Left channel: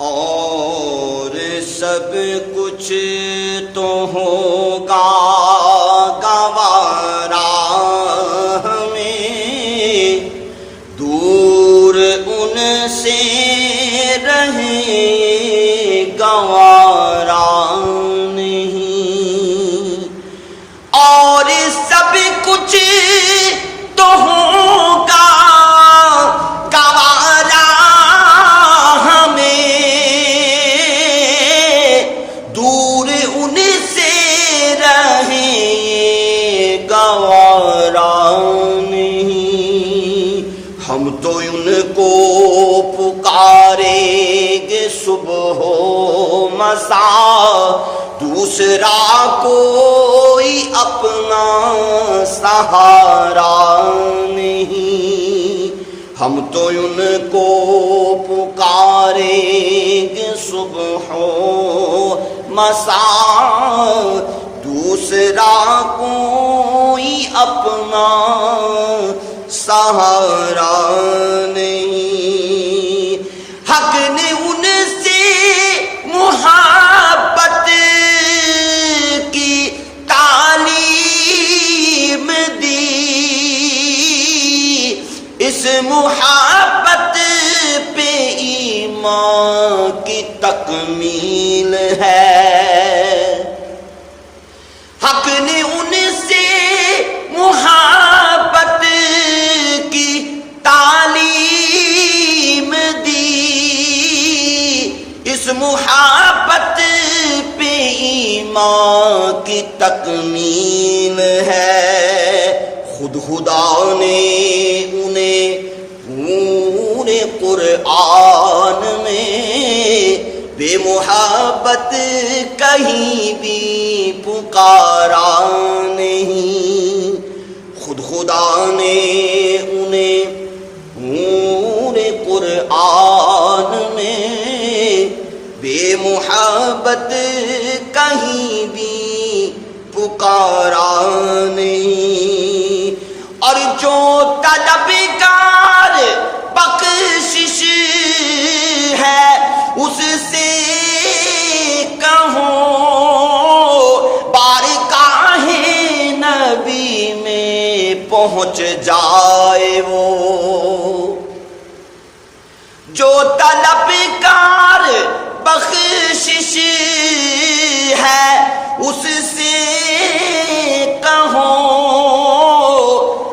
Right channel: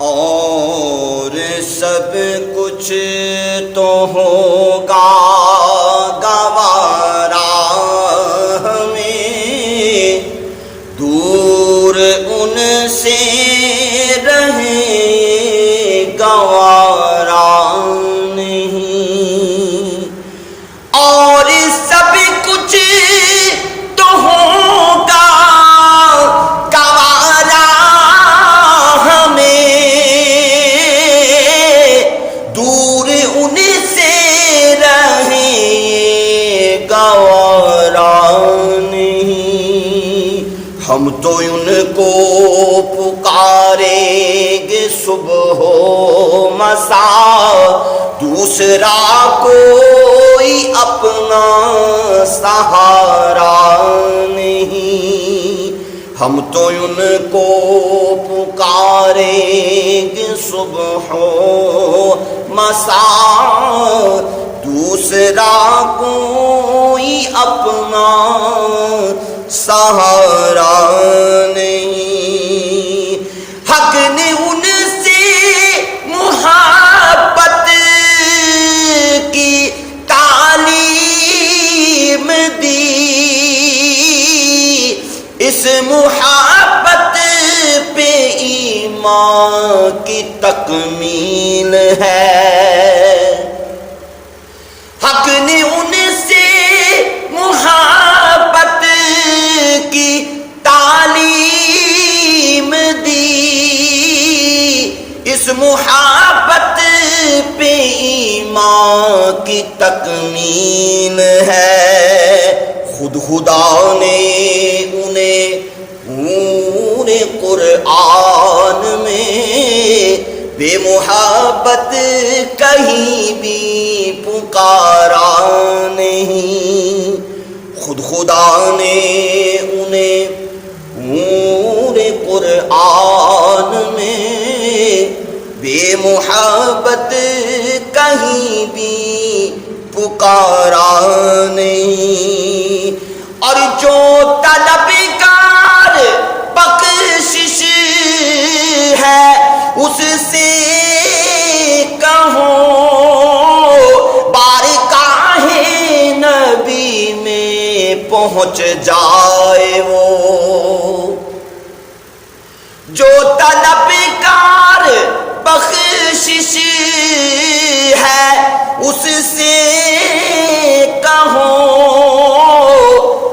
اور سب کچھ تو ہوگا گوارا ہمیں، دور ان سے رہے گوارا نہیں، اور سب کچھ تو ہوگا گوارا ہمیں، دور ان سے رہے گوارا نہیں، ہم تو ان کو پکاریں گے صبح و مساء، دوسرا کوئی اپنا سہارا نہیں، ہم تو ان کو پکاریں گے صبح و مساء، دوسرا کوئی اپنا سہارا نہیں، حق نے ان سے محبت کی تعلیم دی، اس محبت پہ ایمان کی تکمیل ہے، حق نے ان سے محبت کی تعلیم دی، اس محبت پہ ایمان کی تکمیل ہے، خود خدا نے انہیں پورے قرآن میں بے محبت کہیں بھی پکارا نہیں، خود خدا نے انہیں پورے قرآن میں بے محبت کہیں بھی پکارا نہیں، اور جو طلبگار بخشش ہے اس سے کہو بارگاہ نبی میں پہنچ جائے وہ، جو طلبگار بخشش ہے اس سے کہو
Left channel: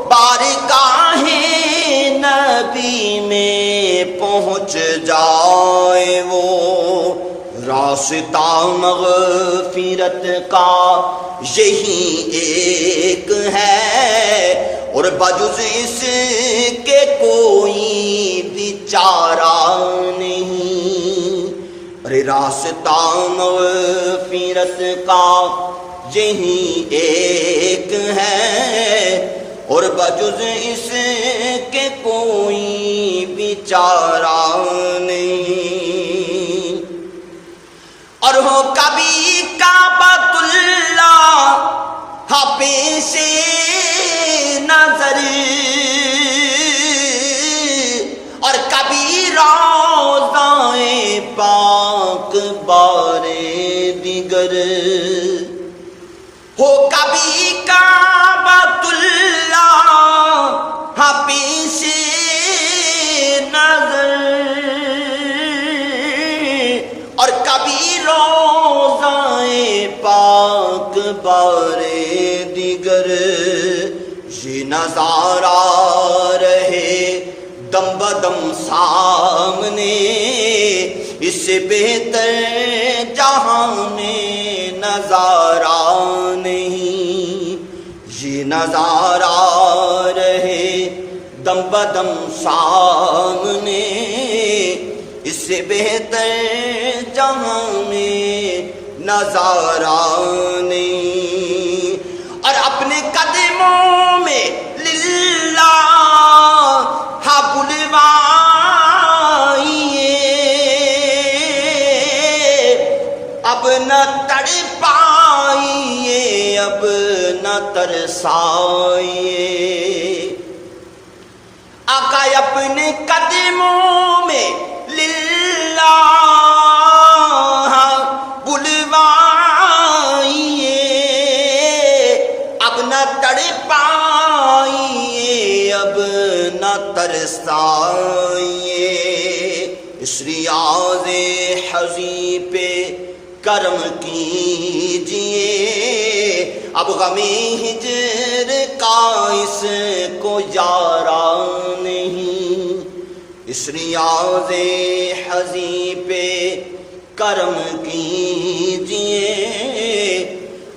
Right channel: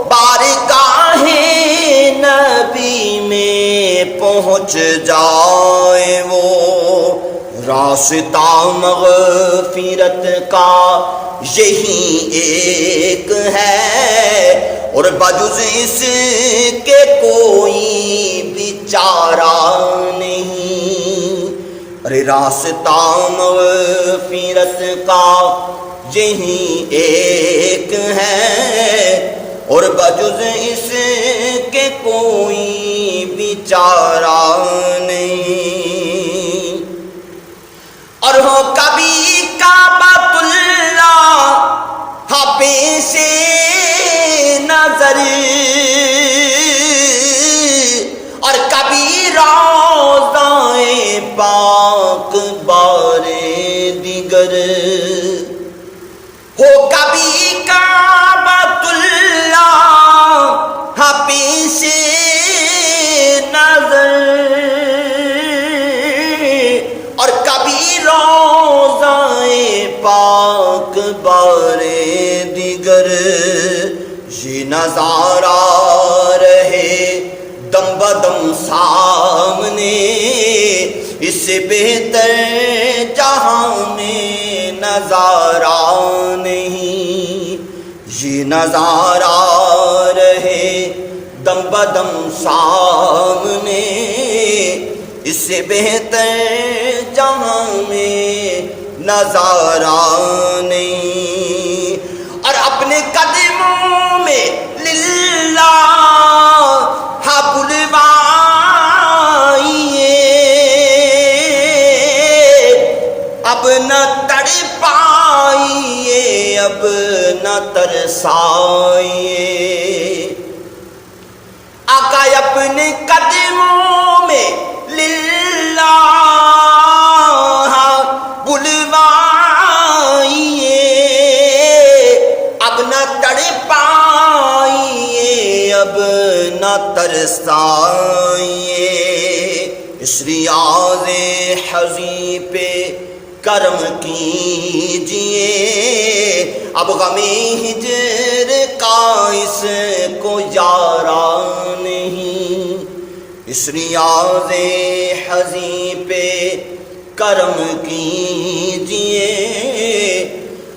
بارگاہ نبی میں پہنچ جائے وہ، راستہ مغفرت کا یہی ایک ہے، اور بجز اس کے کوئی بھی چارہ نہیں، ارے راستہ مغفرت کا یہی ایک ہے، اور بجز اس کے کوئی بھی چارہ نہیں، اور ہو کبھی کعبۃ اللہ پیش نظر، اور کبھی روضہ پاک بارے دیگر، ہو کبھی کعبۃ اللہ پیش نظر، اور کبھی روضہ پاک بارے دیگر، یہ نظارہ رہے دم بدم سامنے، اس سے بہتر جہاں میں نظارہ نہیں، یہ نظارہ رہے دم بدم سامنے، اس سے بہتر جہاں میں نظارہ نہیں، اور اپنے قدموں میں للہ بلوائیے، اب نہ تڑ پائیے، اب نہ ترسائیے، آقا اپنے قدموں میں للہ برسائیے، اس ریاض حزیں پہ کرم کیجئے، اب غم ہجر کا اس کو یارا نہیں، اس ریاض حزیں پہ کرم کیجئے،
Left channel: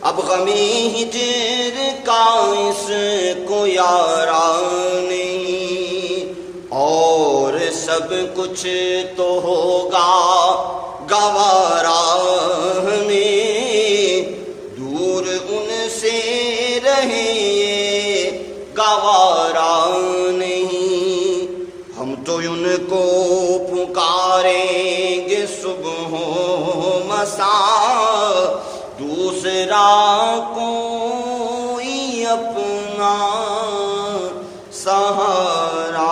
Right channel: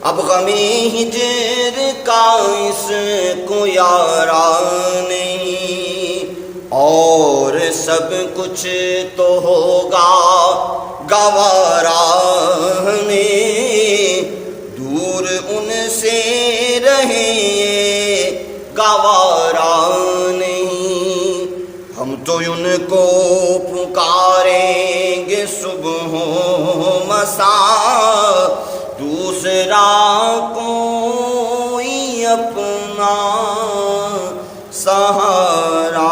اب غم ہجر کا اس کو یارا نہیں، اور سب کچھ تو ہوگا گوارا ہمیں، دور ان سے رہے گوارا نہیں، ہم تو ان کو پکاریں گے صبح و مساء، دوسرا کوئی اپنا سہارا